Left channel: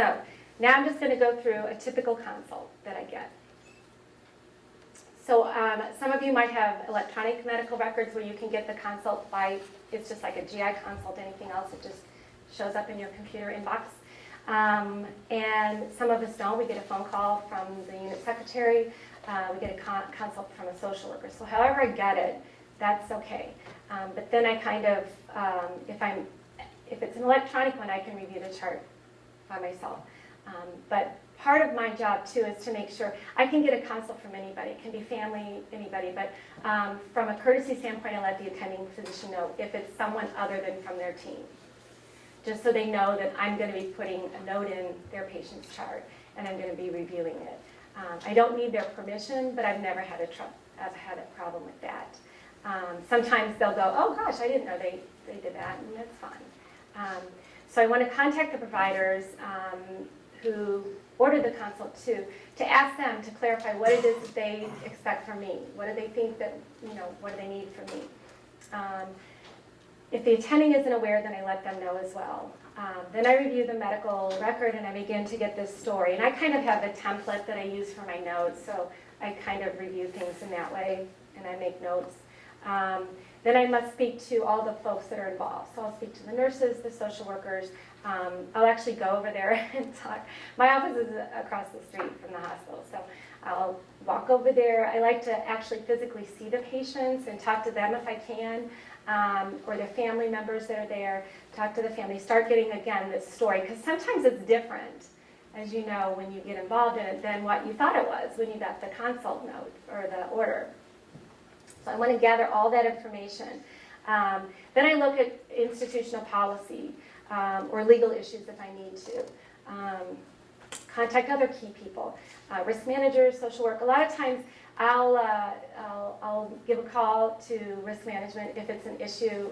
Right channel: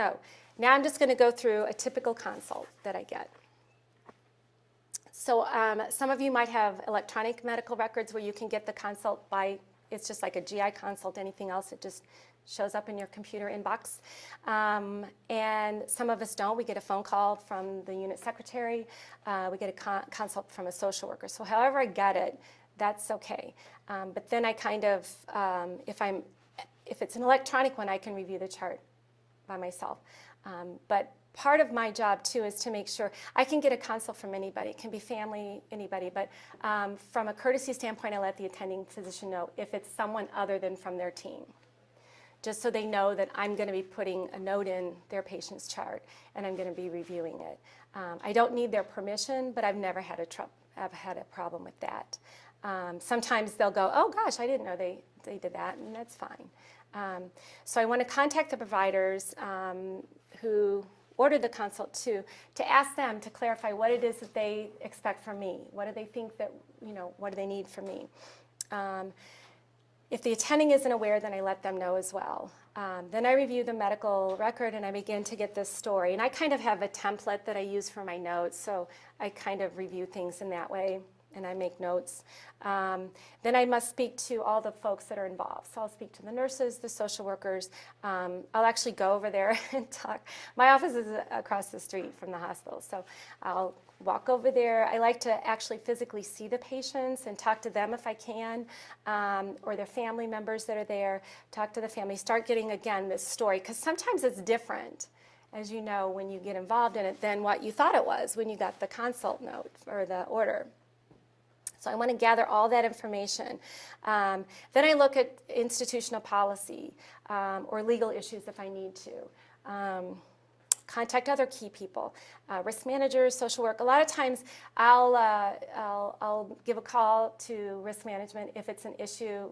So now I'm just going to go through a typical consult that I get. So some of you might have electronic medical records where you can get the consult by, it's just like a GI consult, anything else, it just shows up in your computer inbox. And some of us don't. We get a phone call from the unit secretary. We get a consult from a social worker. So however I get it, that's okay. But then I kind of, if it's an electronic one, I can review the chart by myself. But part of my job too is to make sure I can get a consult from anybody. It can be family, anybody. But from a courtesy standpoint, I let the attending physician know if it's someone other than from their team, just so they know that I'm going to be putting a note in their patient's chart and I'm going to be reviewing it. I don't need their permission, but I've never had a problem with that. Sometimes they'll go, oh gosh, I didn't know they did that, and that's fine. So I want to contact the providers who ordered the consult too, to ask them to clarify what it is that they expect from me. What do they think that, what do they need from me? If the attending isn't aware, then I let them know as well. Then I review the medical record and I begin to get this story. And I kind of have a template that I use for my notes, so I kind of review things in that way and I make notes. Then I must speak to all the folks that are involved. So I'll speak to the nurses, the social workers. I'll actually go over there and talk. My office is across the street from the hospital, so I'll walk over there. I like to actually physically see the patients and talk to them if I can, or their family members that are there. Talk to the family, start getting, again, this story, because sometimes it's different, as you know, when you get involved in it than what you thought it was when you got the consult note or the order. So I want to gather all that information. Then I look at institutional policy or legal issues if I need to. Contact other key people, risk managers, social work. A lot of times I'll give a call to risk management if it's an issue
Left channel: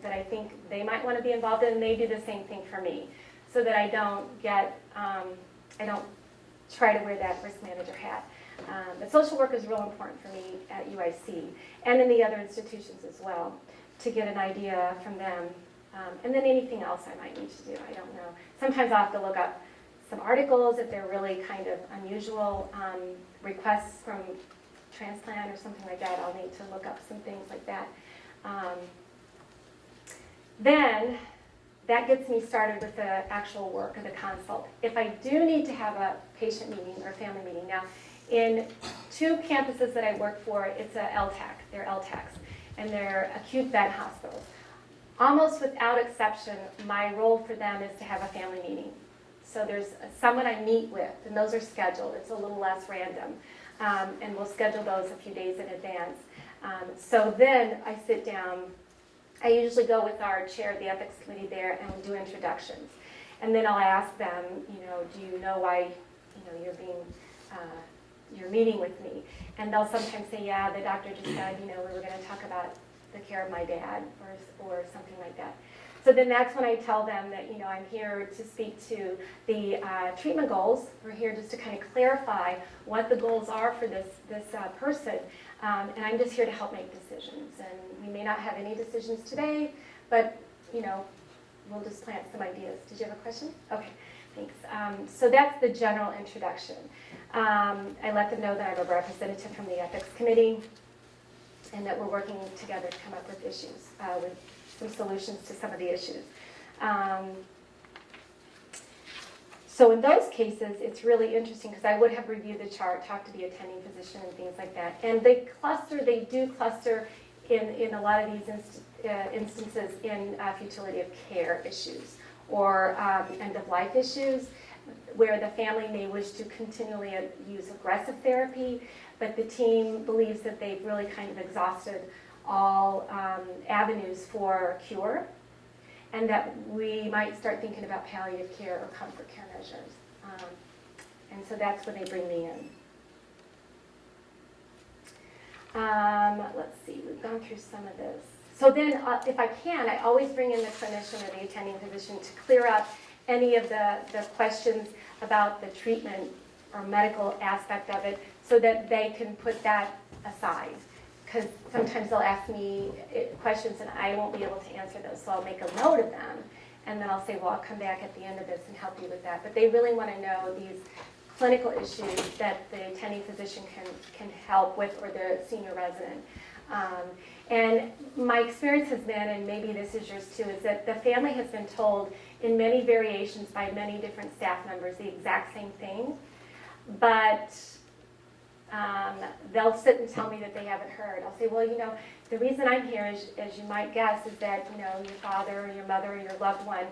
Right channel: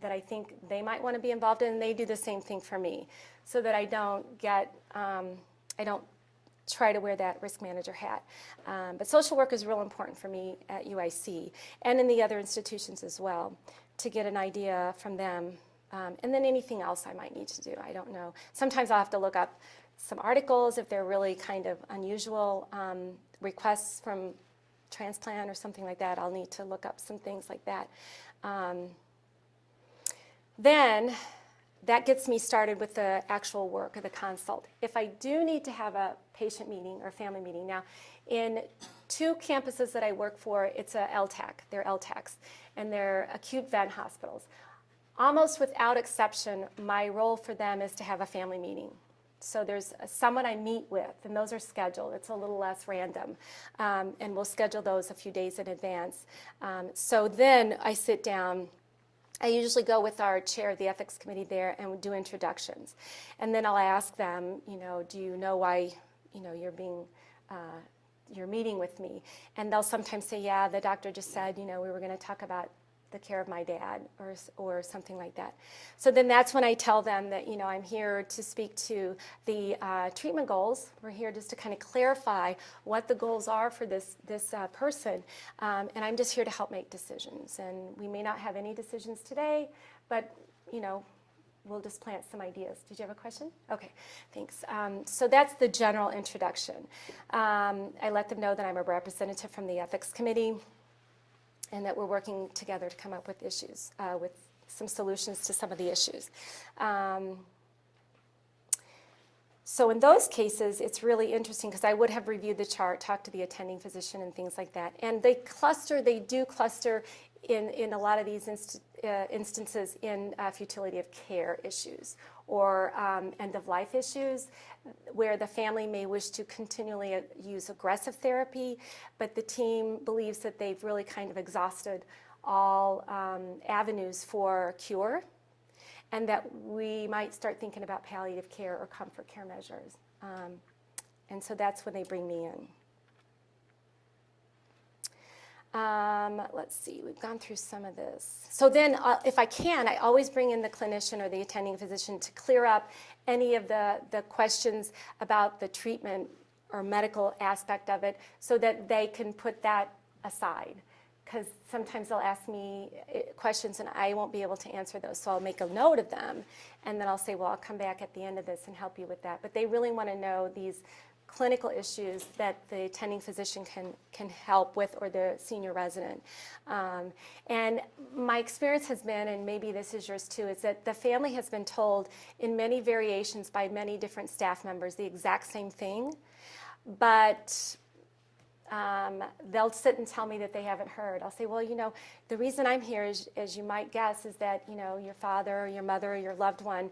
that I think they might want to be involved in, and they do the same thing for me, so that I don't try to wear that risk manager hat. But social work is real important for me at UIC and in the other institutions as well, to get an idea from them. And then anything else I might need to do, I don't know. Sometimes I'll have to look up some articles if they're really kind of unusual requests from transplant or something like that. I'll need to look up some things like that. Then that gets me started with the actual work of the consult. If I do need to have a patient meeting or family meeting, now in 2 campuses that I work for, it's a LTAC, they're LTACs, and they're acute vent hospitals. Almost without exception, my role for them is to have a family meeting. So there's someone I meet with, and those are scheduled. It's a little less random, and we'll schedule those a few days in advance. So then I sit down. I usually go with our chair of the ethics committee there and we do introductions. And then I'll ask them, do you know why, you're meeting with me? And they'll sometimes say, yeah, the doctor just said, we were going to talk about the care of my dad or something like that. So then that's when I tell them that, I'm here to speak to the treatment goals. We're here just to kind of clarify what the goals are for this person. And I'm just here to help make decisions. And we may not have any decisions today, but, we'll just plant some ideas. Did you have a question? Okay, thanks. So that's the general introduction. I let them know that I'm a representative from the ethics committee and that we're working together to come up with issues, with some solutions to some of the issues. So in those cases, it's really interesting because I would have reviewed the chart, talked to the attending physician and things like that. And they do cluster in a lot of these instances in futility of care issues or end-of-life issues, where the family may wish to continually use aggressive therapy, but the team believes that they've really kind of exhausted all avenues for cure, and that we might start thinking about palliative care or comfort care measures. And so that's when they bring me in. Let's see, we've gone through some of this. So then, if I can, I always bring in the clinician or the attending physician to clear up any of the questions about the treatment or medical aspect of it so that they can put that aside. Because sometimes they'll ask me questions and I won't be able to answer those. So I'll make a note of them and then I'll say, well, I'll come back at the end of this and help you with that. But they really want to know these clinical issues that the attending physician can help with, or the senior resident. And my experience has been, and maybe this is yours too, is that the family has been told in many variations by many different staff members the exact same thing, but they'll sit and tell me that they haven't heard. I'll say, well, you know, the reason I'm here, as you might guess, is that, you know, your father, your mother, your loved one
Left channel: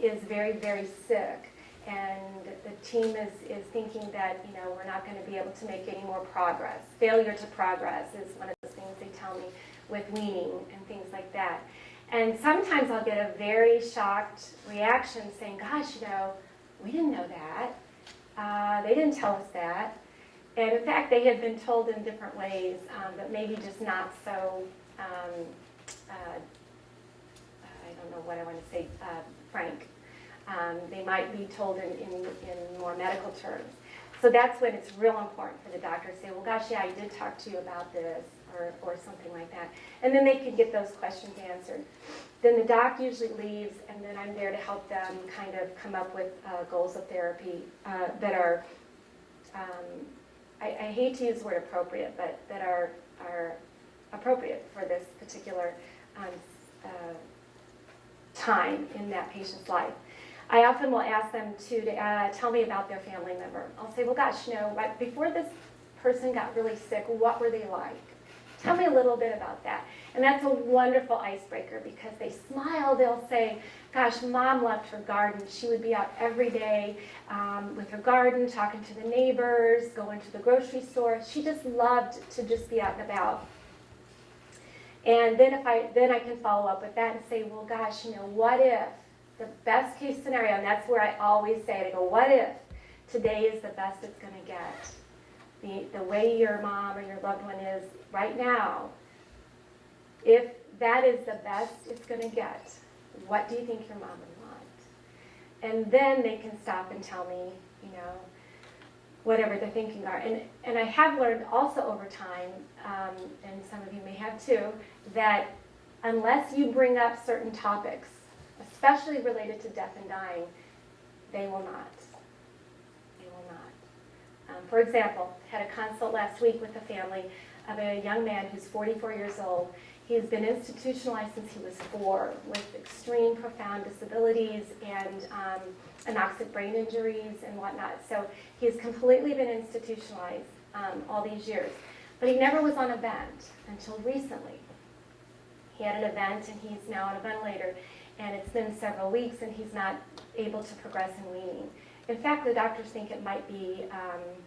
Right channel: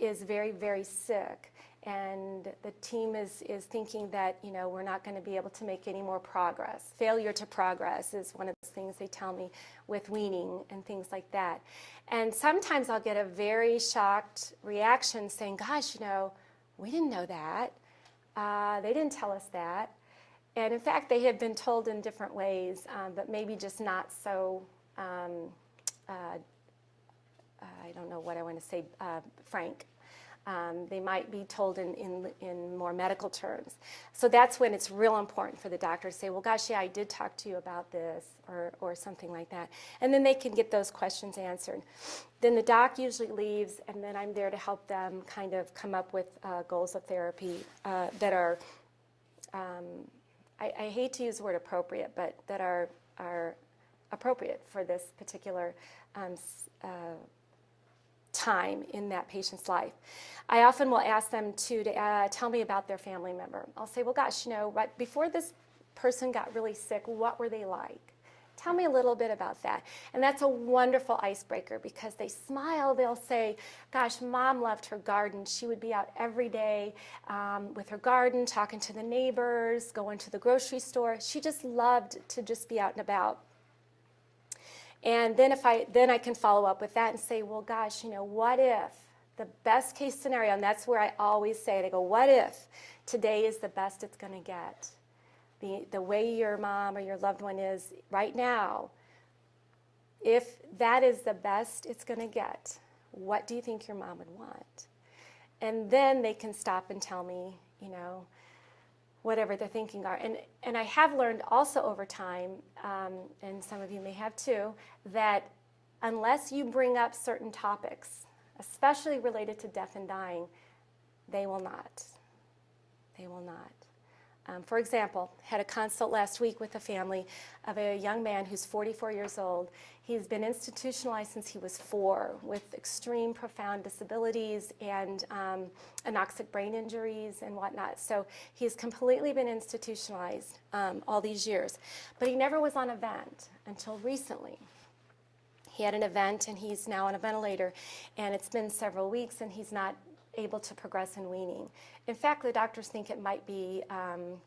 is very, very sick. And the team is thinking that, you know, we're not going to be able to make any more progress. Failure to progress is one of the things they tell me with weaning and things like that. And sometimes I'll get a very shocked reaction saying, gosh, you know, we didn't know that. They didn't tell us that. And in fact, they had been told in different ways, but maybe just not so, I don't know what I want to say, frank. They might be told in more medical terms. So that's when it's real important for the doctor to say, well, gosh, yeah, I did talk to you about this, or something like that. And then they can get those questions answered. Then the doc usually leaves, and then I'm there to help them kind of come up with goals of therapy that are, I hate to use the word appropriate, but that are appropriate for this particular time in that patient's life. I often will ask them to tell me about their family member. I'll say, well, gosh, you know, right before this person got really sick, what were they like? Tell me a little bit about that. And that's a wonderful icebreaker, because they smile. They'll say, gosh, Mom loved her garden. She would be out every day with her garden, talking to the neighbors, going to the grocery store. She just loved to just be out and about. And then I can follow up with that and say, well, gosh, you know, what if the best case scenario, and that's where I always say it, I go, what if today is the best it's going to get? The way your mom or your loved one is right now, if that is the best it's going to get, what do you think your mom would want? And then they can stop and tell me, you know, whatever they're thinking are. And I have learned also over time, and some of you may have too, that unless you bring up certain topics, especially related to death and dying, they will not. They will not. For example, had a consult last week with a family of a young man who's 44 years old. He has been institutionalized since he was 4 with extreme profound disabilities and anoxic brain injuries and whatnot. So he has completely been institutionalized all these years. But he never was on a vent until recently. He had an event, and he's now on a ventilator, and it's been several weeks, and he's not able to progress in weaning. In fact, the doctors think it might be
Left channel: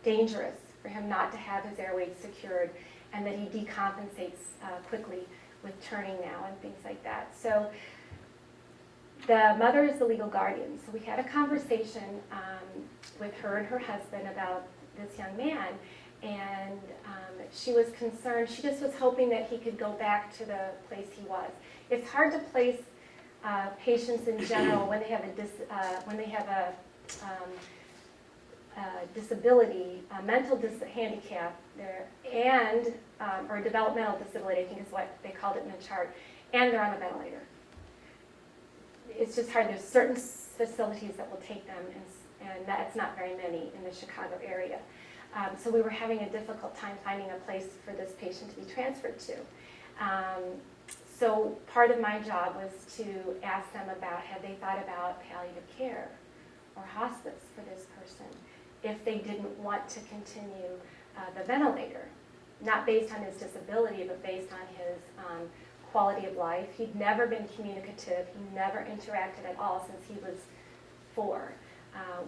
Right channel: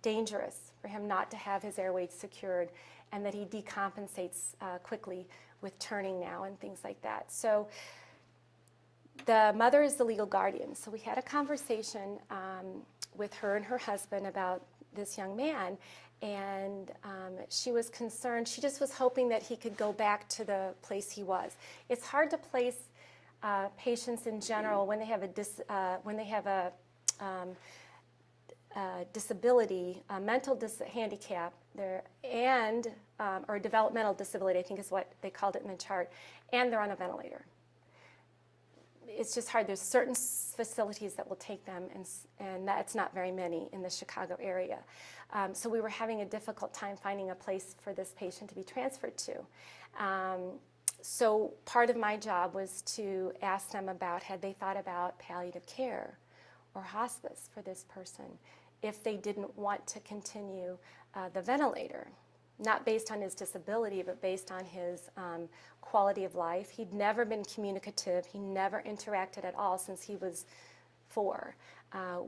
dangerous for him not to have his airways secured, and that he decompensates quickly with turning now and things like that. So the mother is the legal guardian. So we had a conversation with her and her husband about this young man, and she was concerned. She just was hoping that he could go back to the place he was. It's hard to place patients in general when they have a disability, mental handicap, or developmental disability, I think is what they called it in the chart, and they're on a ventilator. It's just hard. There's certain facilities that will take them, and that's not very many in the Chicago area. So we were having a difficult time finding a place for this patient to be transferred to. So part of my job was to ask them about, had they thought about palliative care or hospice for this person if they didn't want to continue the ventilator, not based on his disability, but based on his quality of life. He'd never been communicative. He never interacted at all since he was 4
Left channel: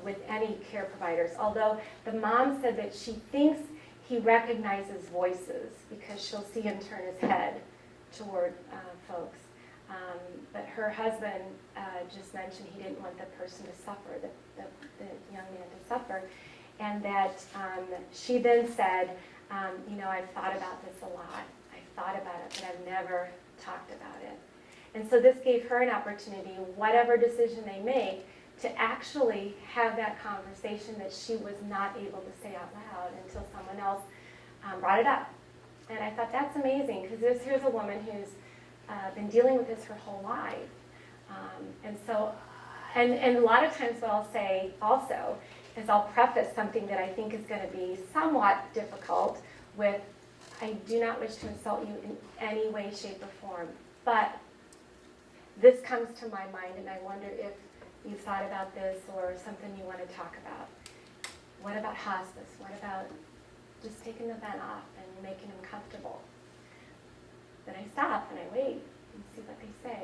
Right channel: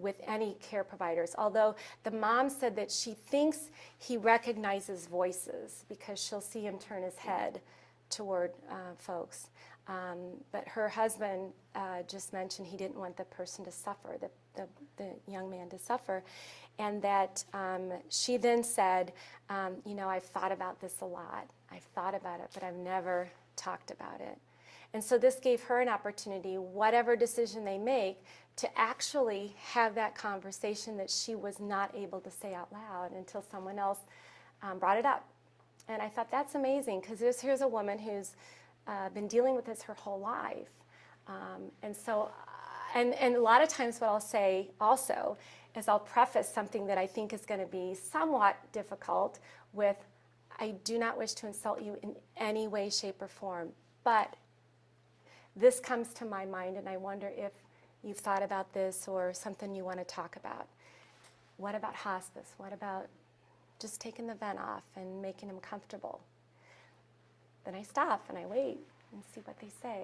with any care providers, although the mom said that she thinks he recognizes voices because she'll see him turn his head toward folks. But her husband just mentioned he didn't want the person to suffer, the young man to suffer, and that she then said, you know, I've thought about this a lot. I've thought about it, but I've never talked about it. And so this gave her an opportunity, whatever decision they make, to actually have that conversation that she was not able to say out loud until someone else brought it up. And I thought, that's amazing, because here's a woman who's been dealing with this her whole life, And so, and a lot of times what I'll say also is I'll preface something that I think is going to be somewhat difficult with, I do not wish to insult you in any way, shape, or form, but this comes to my mind, and I wonder if you've thought about this or something you want to talk about. What about hospice? What about just taking the vent off and making them comfortable? Then I stop and I wait and see what they say.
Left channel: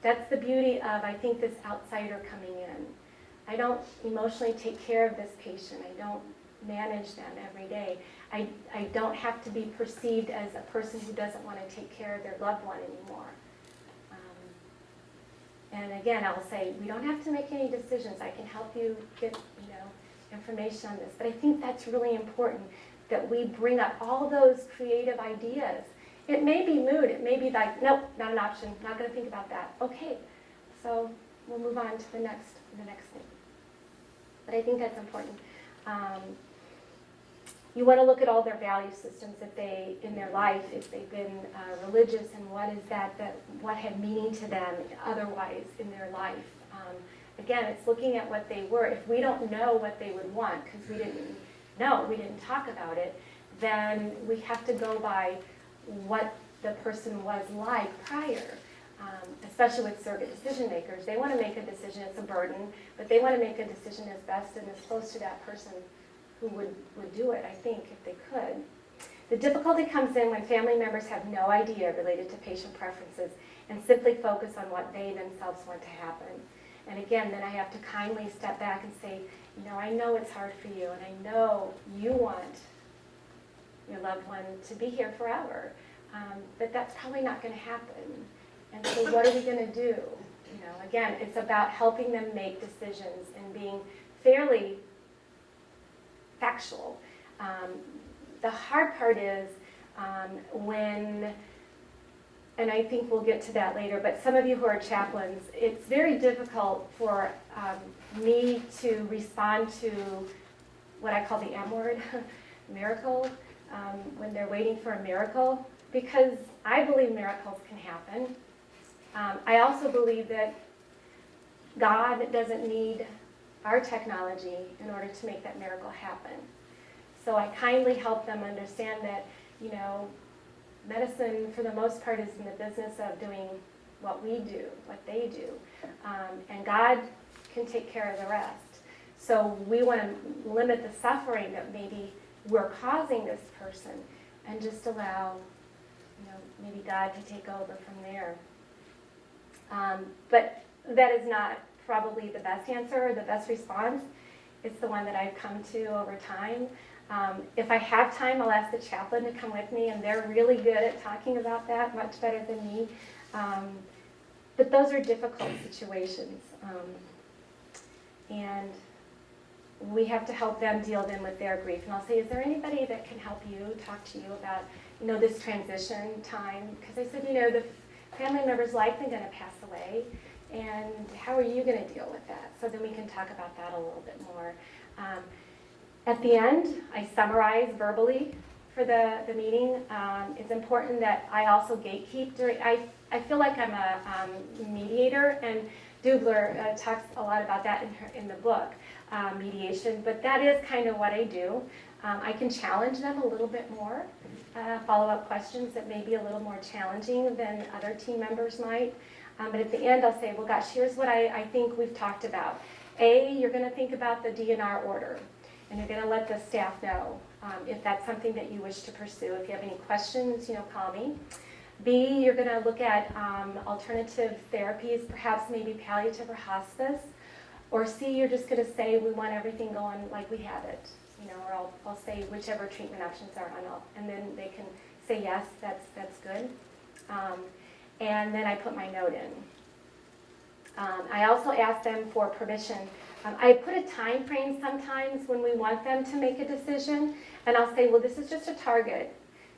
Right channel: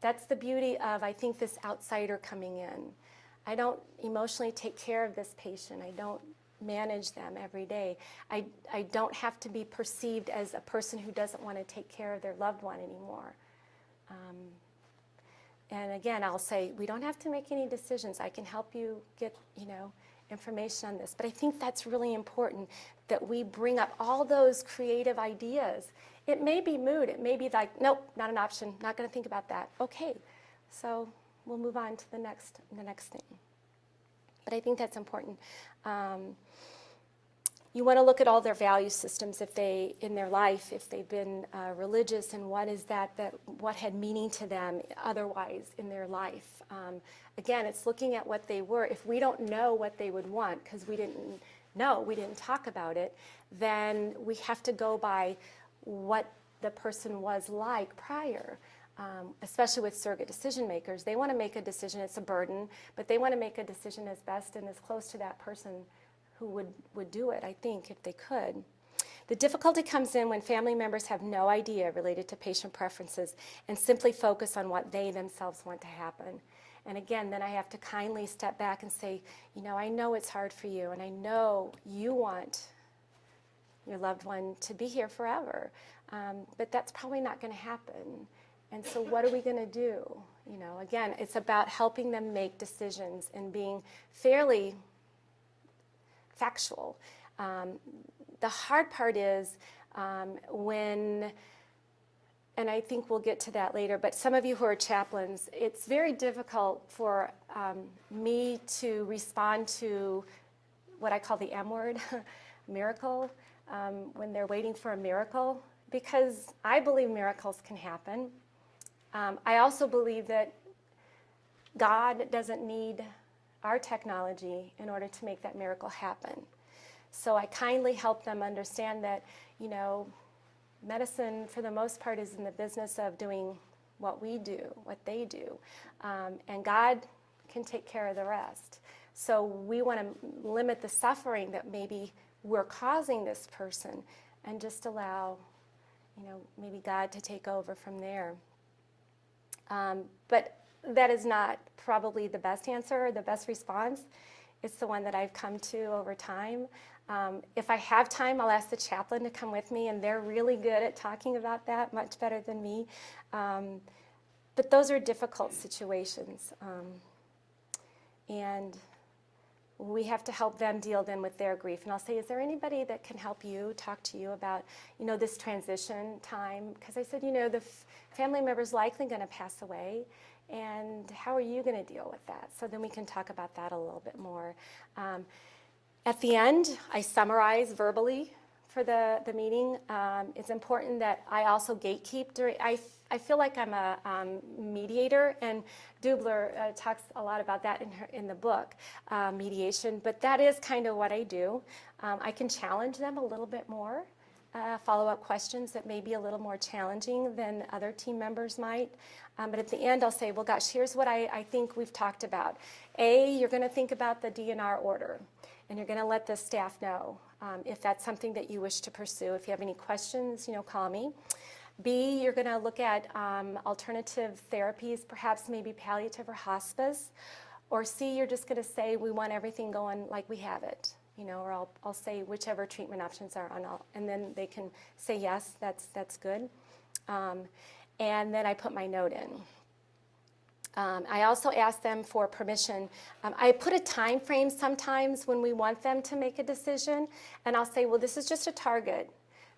That's the beauty of, I think, this outsider coming in. I don't emotionally take care of this patient. I don't manage them every day. I don't have to be perceived as a person who doesn't want to take care of their loved one anymore. And again, I'll say, we don't have to make any decisions. I can help you get, information on this. But I think that's really important, that we bring up all those creative ideas. It may be mood. It may be like, nope, not an option. Not going to think about that. Okay, so we'll move on to the next thing. But I think that's important. You want to look at all their value systems in their life, if they've been religious, and what is what had meaning to them otherwise in their life. Again, it's looking at what they were. If we don't know what they would want, because we didn't talk about it, then we have to go by what the person was like prior. Especially with surrogate decision makers. They want to make a decision, it's a burden, but they want to make a decision as best and as close to that person who would do it, I think, if they could. The difficulty comes in when family members have no idea related to patient preferences and simply focus on what they themselves want to happen. And again, then I have to kindly step back and say, I know it's hard for you, and I know you want your loved one to be here forever, but that's probably not going to happen. And so what are we going to do? Again, it's about helping them make decisions and being fairly factual. The hard part is when, and I think we'll get to that later, but some of you who are chaplains, it's very difficult for me to respond to what I call the M word, miracle, when they're waiting for a miracle, because I believe miracles can happen. I also believe that God doesn't need our technology in order to make that miracle happen. So I kindly help them understand that, medicine for the most part is in the business of doing what we do, what they do. And God can take care of the rest. So we want to limit the suffering that maybe we're causing this person and just allow, maybe God to take over from there. But that is not probably the best answer or the best response. It's the one that I've come to over time. If I have time, I'll ask the chaplain to come with me, and they're really good at talking about that, much better than me. But those are difficult situations. And we have to help them deal then with their grief. And I'll say, is there anybody that can help you, talk to you about, this transition time? Because I said, the family member's likely going to pass away, and how are you going to deal with that? So then we can talk about that a little bit more. At the end, I summarize verbally for the meeting. It's important that I also gatekeep. I feel like I'm a mediator, and Dubler talks a lot about that in the book, mediation, but that is kind of what I do. I can challenge them a little bit more, follow-up questions that may be a little more challenging than other team members might. But at the end, I'll say, well, gosh, here's what I think we've talked about. A, you're going to think about the DNR order, and you're going to let the staff know if that's something that you wish to pursue. If you have any questions, call me. B, you're going to look at alternative therapies, perhaps maybe palliative or hospice. Or C, you're just going to say we want everything going like we have it. Or I'll say whichever treatment options are on, and then they can say yes, that's good. And then I put my note in. I also ask them for permission. I put a time frame sometimes when we want them to make a decision, and I'll say, well, this is just a target,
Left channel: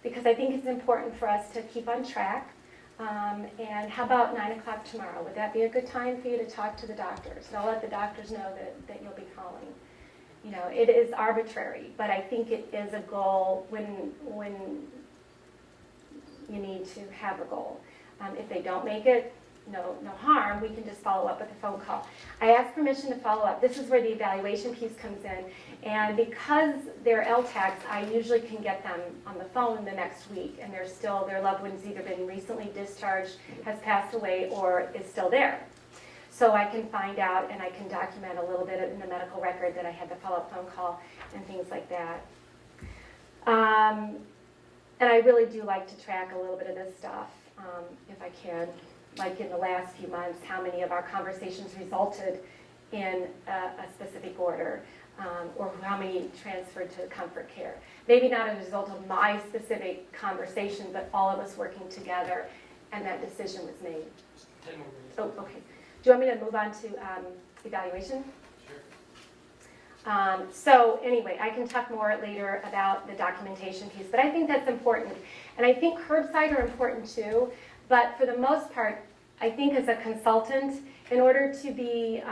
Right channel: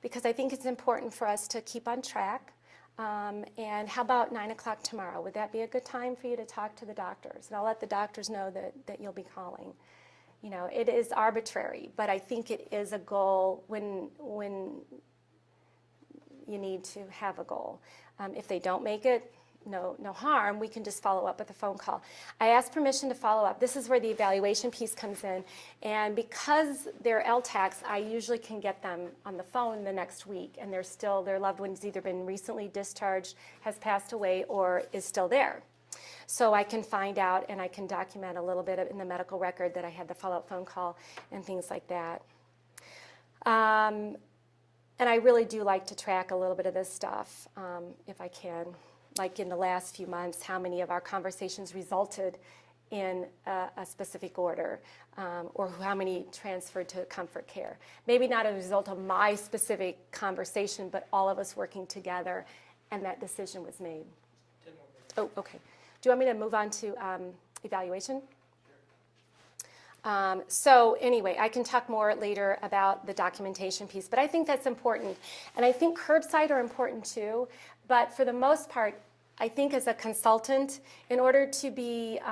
because I think it's important for us to keep on track. And how about 9 o'clock tomorrow? Would that be a good time for you to talk to the doctors? And I'll let the doctors know that you'll be calling. It is arbitrary, but I think it is a goal when you need to have a goal. If they don't make it, no harm, we can just follow up with a phone call. I ask permission to follow up. This is where the evaluation piece comes in. And because they're LTACs, I usually can get them on the phone the next week, and they're still, their loved one's either been recently discharged, has passed away, or is still there. So I can find out and I can document a little bit in the medical record that I had the follow-up phone call and things like that. And I really do like to track a little bit of this stuff, if I can. Like in the last few months, how many of our conversations resulted in a specific order, or how many transferred to comfort care. Maybe not as a result of my specific conversation, but all of us working together, and that decision was made. 10 more minutes. Oh, okay. Do you want me to move on to evaluation? Sure. So anyway, I can talk more later about the documentation piece, but I think that's important. And I think curbside are important too, but for the most part, I think as a consultant, in order to be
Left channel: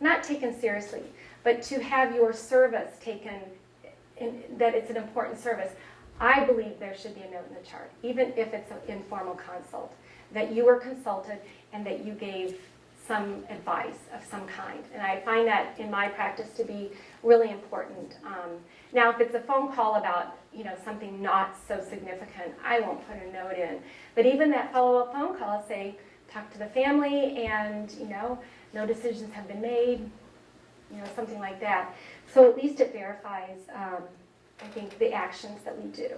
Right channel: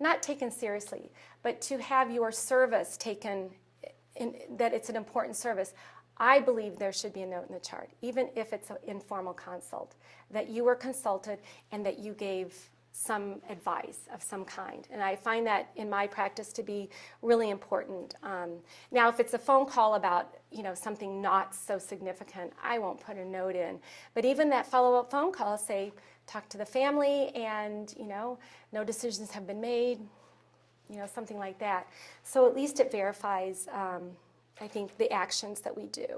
not taken seriously, but to have your service taken, that it's an important service, I believe there should be a note in the chart, even if it's an informal consult, that you were consulted and that you gave some advice of some kind. And I find that in my practice to be really important. Now, if it's a phone call about something not so significant, I won't put a note in. But even that follow-up phone call, say, talk to the family and, no decisions have been made, something like that. So at least it verifies, I think, the actions that we do.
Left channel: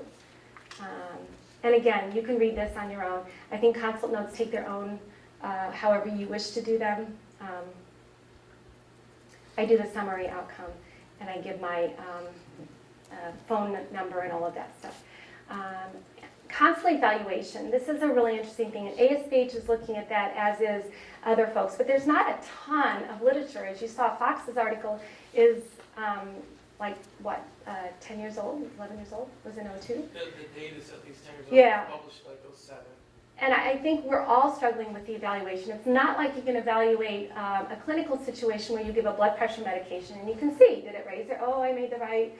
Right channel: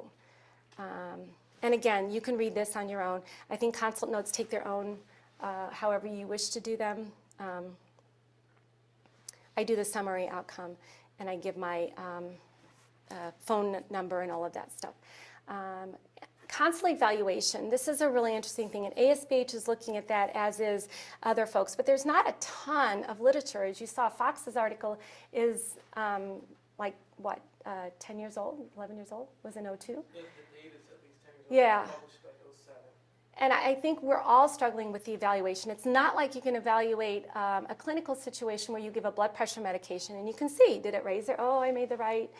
And again, you can read this on your own. I think consult notes take their own, however you wish to do them. I do the summary outcome, and I give my phone number and all of that stuff. Consult evaluation, this is a really interesting thing, and ASBH is looking at that, as is other folks, but there's not a ton of literature. As you saw, Fox's article is 10 years old, 11 years old, was it 02? The data's at least 10 years old. Yeah. Published like 07. And I think we're all struggling with the evaluation. It's not like you can evaluate a clinical situation where you give a blood pressure medication and you can see, did it raise it? Oh, I made the right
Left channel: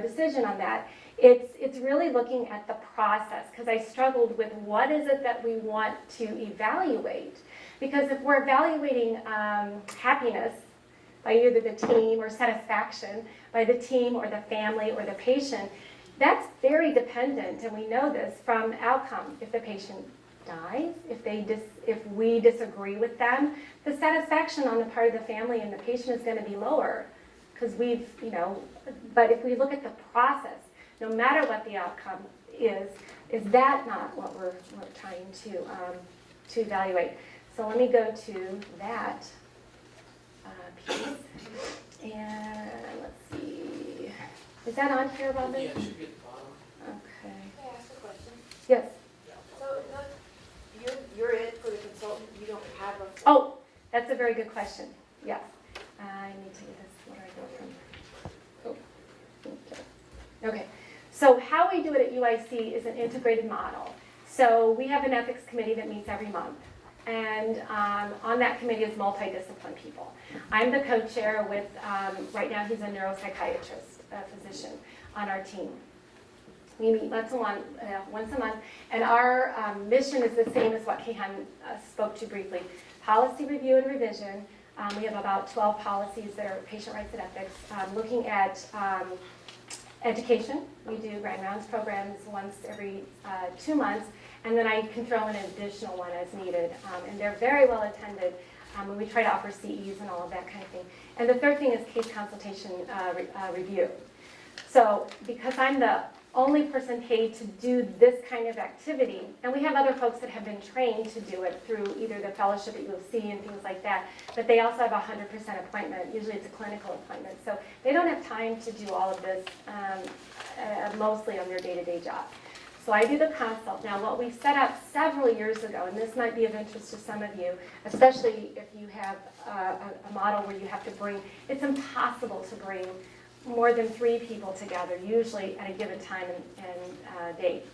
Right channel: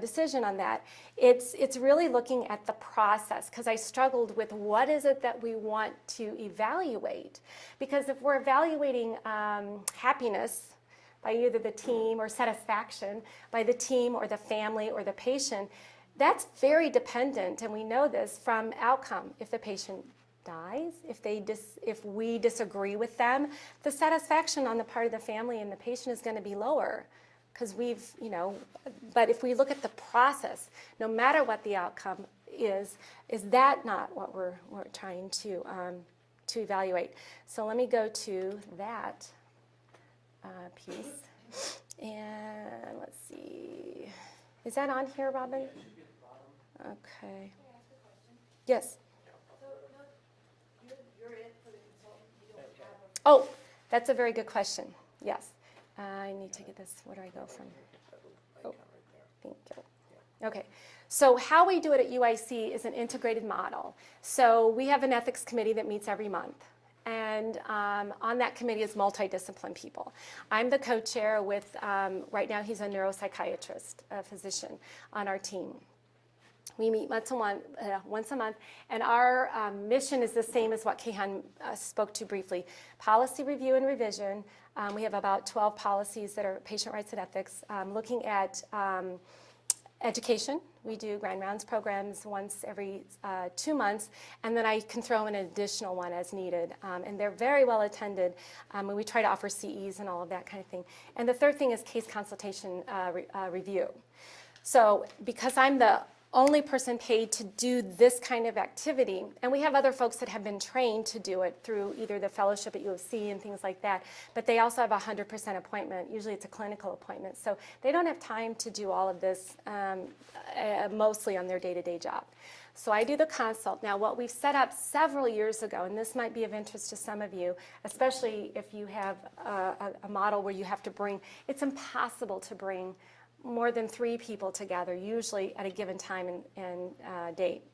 decision on that. It's really looking at the process, because I struggled with what is it that we want to evaluate. Because if we're evaluating happiness by either the team, or satisfaction by the team or the family or the patient, that's very dependent, and we know this from outcome. If the patient dies, if we disagree with them, the satisfaction on the part of the family and the patient is going to be lower, because but if we look at the process, no matter what the outcome is that not what we're trying to evaluate? So let me go to that piece, and let's see. Is that on here, Robin? Yeah, it should be at the bottom. Okay. Can I ask a question? Yes. So, you're it for the consultant, you don't have a... Oh, that's a very good question. Yes. I need to get this. Where do I go from? Okay. So how we do it at UIC is an integrated model. So we have an ethics committee that meets every month. And on that committee is multidisciplined people. I'm the co-chair with, right now he's a neuropsychiatrist, a physician on our team. We meet once a month, and our mission is the same as what Kehan spoke to briefly. Policy review and revision. We have about 12 policies that are patient rights and ethics, looking at education. We do grand rounds programs once every 2 months, and then I can throw in an additional one as needed. And they're very well attended, and we try to offer CEs and all of that kind of thing. And the third thing is case consultation review. So because I'm the only person paid to do this kind of activity, and we have other folks that have been trained to do it through either the fellowship at UOC and things like that, but they also have a 100% appointment. Usually it's a clinical appointment, so they don't have time to do all of this mostly on their day-to-day job. So I do the consult. Now, what we set up several years ago, and this might be of interest to some of you, especially if you have a model where you have to bring, it's impossible to bring more than 3 people together, usually at a given time and date.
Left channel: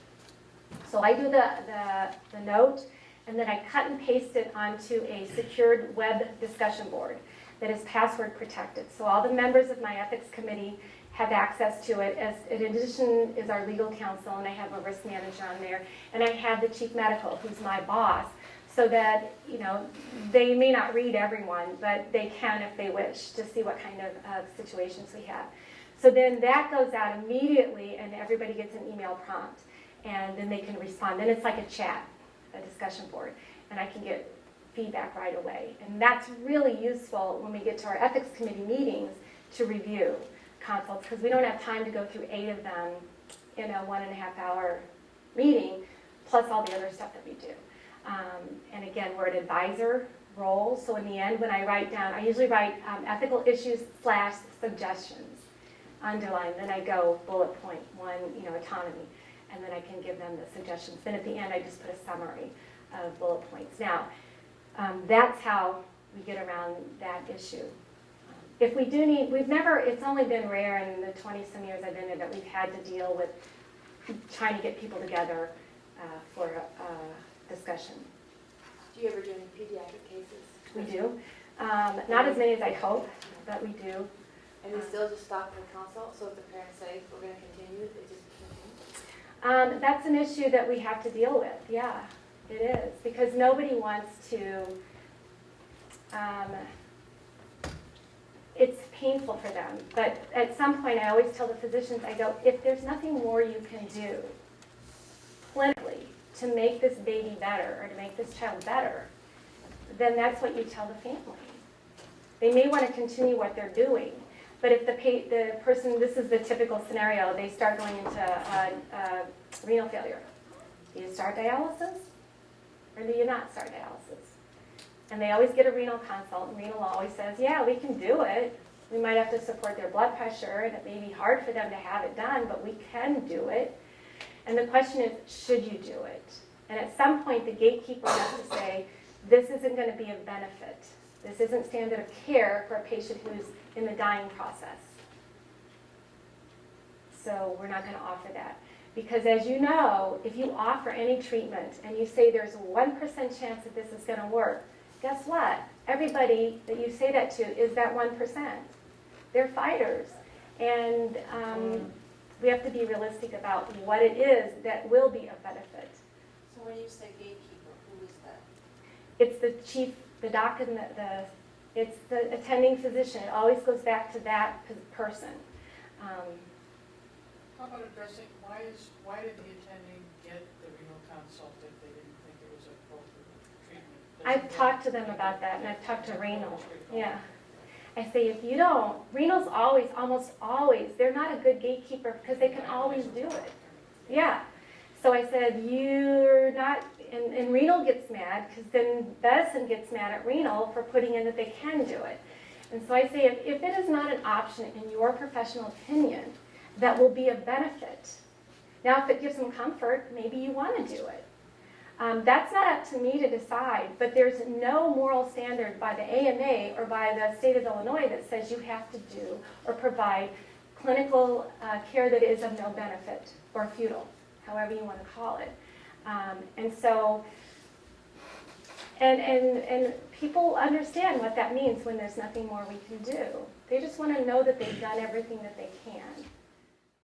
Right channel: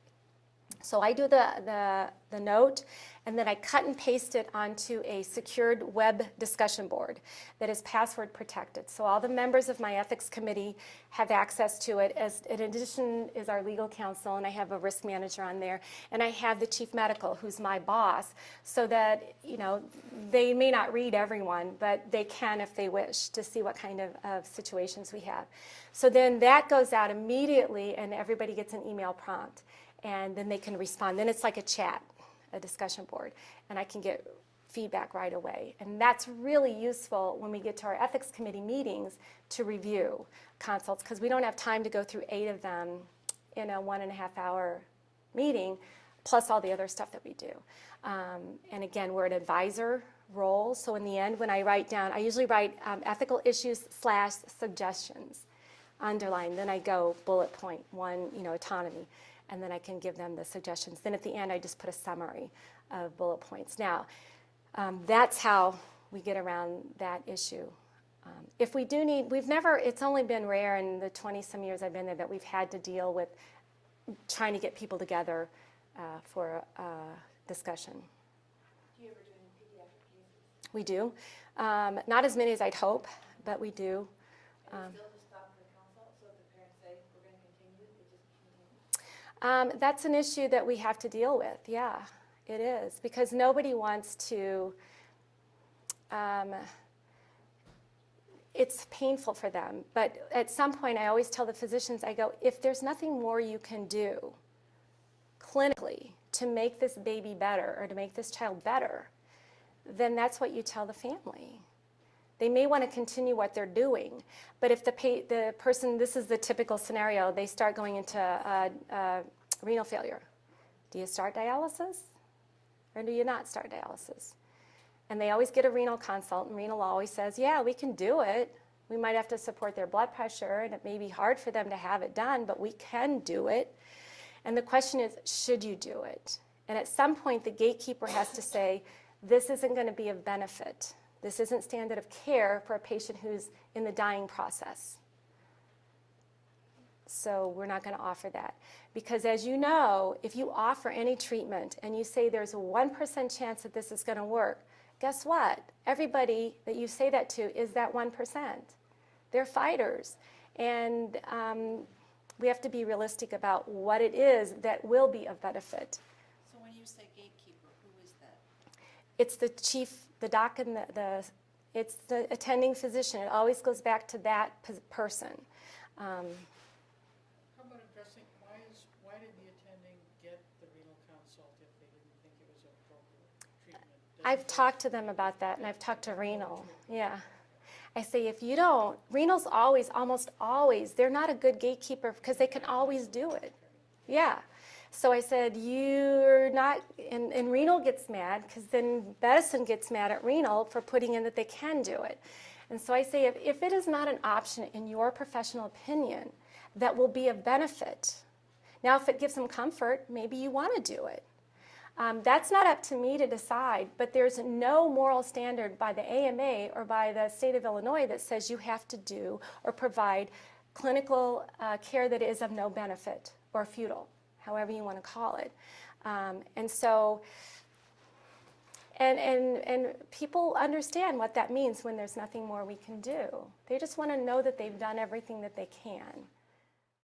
So I do the note, and then I cut and paste it onto a secured web discussion board that is password protected. So all the members of my ethics committee have access to it. As in addition is our legal counsel, and I have a risk manager on there, and I have the chief medical, who's my boss, so that, you know, they may not read everyone, but they can if they wish to see what kind of situations we have. So then that goes out immediately, and everybody gets an email prompt, and then they can respond. Then it's like a chat, a discussion board, and I can get feedback right away. And that's really useful when we get to our ethics committee meetings to review consults, because we don't have time to go through 8 of them in a 1.5-hour meeting, plus all the other stuff that we do. And again, we're an advisor role, so in the end, when I write down, I usually write ethical issues / suggestions, underline, then I go bullet point 1, you know, autonomy, and then I can give them the suggestions. Then at the end, I just put a summary of bullet points. Now, that's how we get around that issue. If we do need, it's only been rare in the 20-some years I've been there that we've had to deal with trying to get people together for a discussion. Do you ever do any pediatric cases? We do. Not as many as I'd hope, but we do. And they still just stop for consult, so if the parents say, we're going to continue, they just continue? That's an issue that we have to deal with, yeah, it is. Because nobody wants to, it's painful for them. But at some point, I always tell the physicians, I go, if there's nothing more you can do clinically to make this baby better or to make this child better, then that's what you tell the family. They may want to continue what they're doing, but if the person, this is the typical scenario, they start going into renal failure. Do you start dialysis or do you not start dialysis? And they always get a renal consult, and renal always says, yeah, we can do it. We might have to support their blood pressure, and it may be hard for them to have it done, but we can do it. And the question is, should you do it? And at some point, the gatekeeper has to say, this isn't going to be of benefit. This isn't standard of care for a patient who's in the dying process. So we're not going to offer that. Because as you know, if you offer any treatment and you say there's a 1% chance that this is going to work, guess what? Everybody that you say that to is that 1%. They're fighters. And we have to be realistic about what it is that will be of benefit. So when you say gatekeeper, who is that? It's the chief, the doc, and it's the attending physician. It always goes back to that person. How about addressing, why did the attending get the renal consult if they didn't think it was appropriate treatment? I've talked to them about that, and I've talked to renal. Yeah. I say, if you don't, renal's almost always, they're not a good gatekeeper because they can always do it. Yeah. So I said, you're not, and renal gets mad because then medicine gets mad at renal for putting in that they can do it. And so I say, if it is not an option in your professional opinion that will be a benefit, now if it gives them comfort, maybe you want to do it. That's not up to me to decide, but there's no moral standard by the AMA or by the state of Illinois that says you have to do or provide clinical care that is of no benefit or futile, however you want to call it. And so, and people understand what that means when there's nothing more we can do. They just want to know that they've done everything that they can.